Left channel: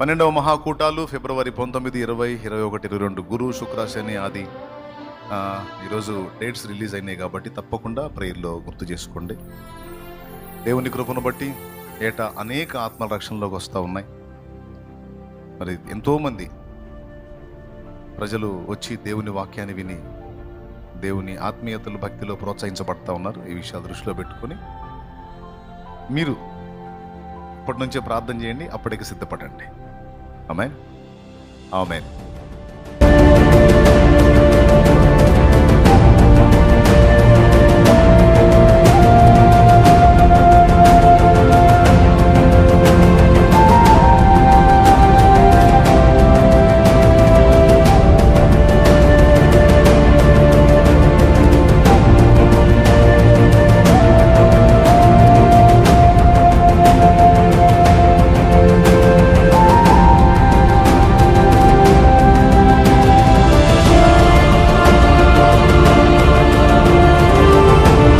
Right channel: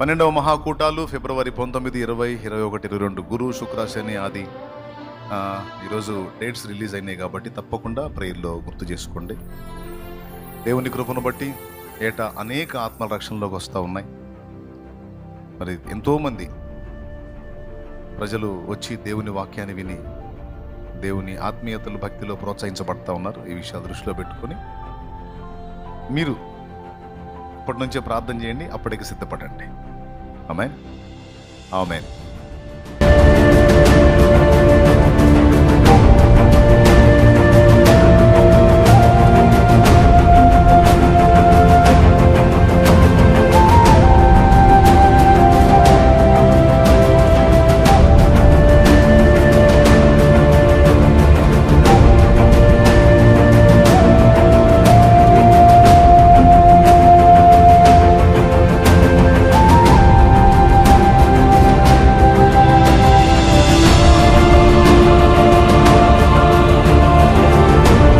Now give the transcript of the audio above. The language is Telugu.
12వ మహాకూటాలు ఫిబ్రవరి 19, 20, 21, 22 గురు, శుక్ర, శని, ఆది. ఈరోజు డేట్స్ రిలీజ్ అయినాయి కాబట్టి తప్పకుండా ప్రేయర్లో గుర్తు చేసుకోండి. దేవుని కృపను బట్టి ఏటా అనేక ఆత్మల రక్షణలోకి వస్తూ ఉన్నాయి. మరి ఎంతోమంది ప్రజలు వచ్చి దేవుని వాక్యాన్ని విని దేవుని ఆత్మీయతలు, భక్తిలో ప్రోత్సహించబడతా ఉన్నారు. ఈ విషయాలు దృష్టిలో పెట్టుకొని మీరు ఇప్పటి నుంచే ప్రార్థన చేయండి, అప్పటికి సిద్ధపడండి. ఆమేన్, ఆమేన్.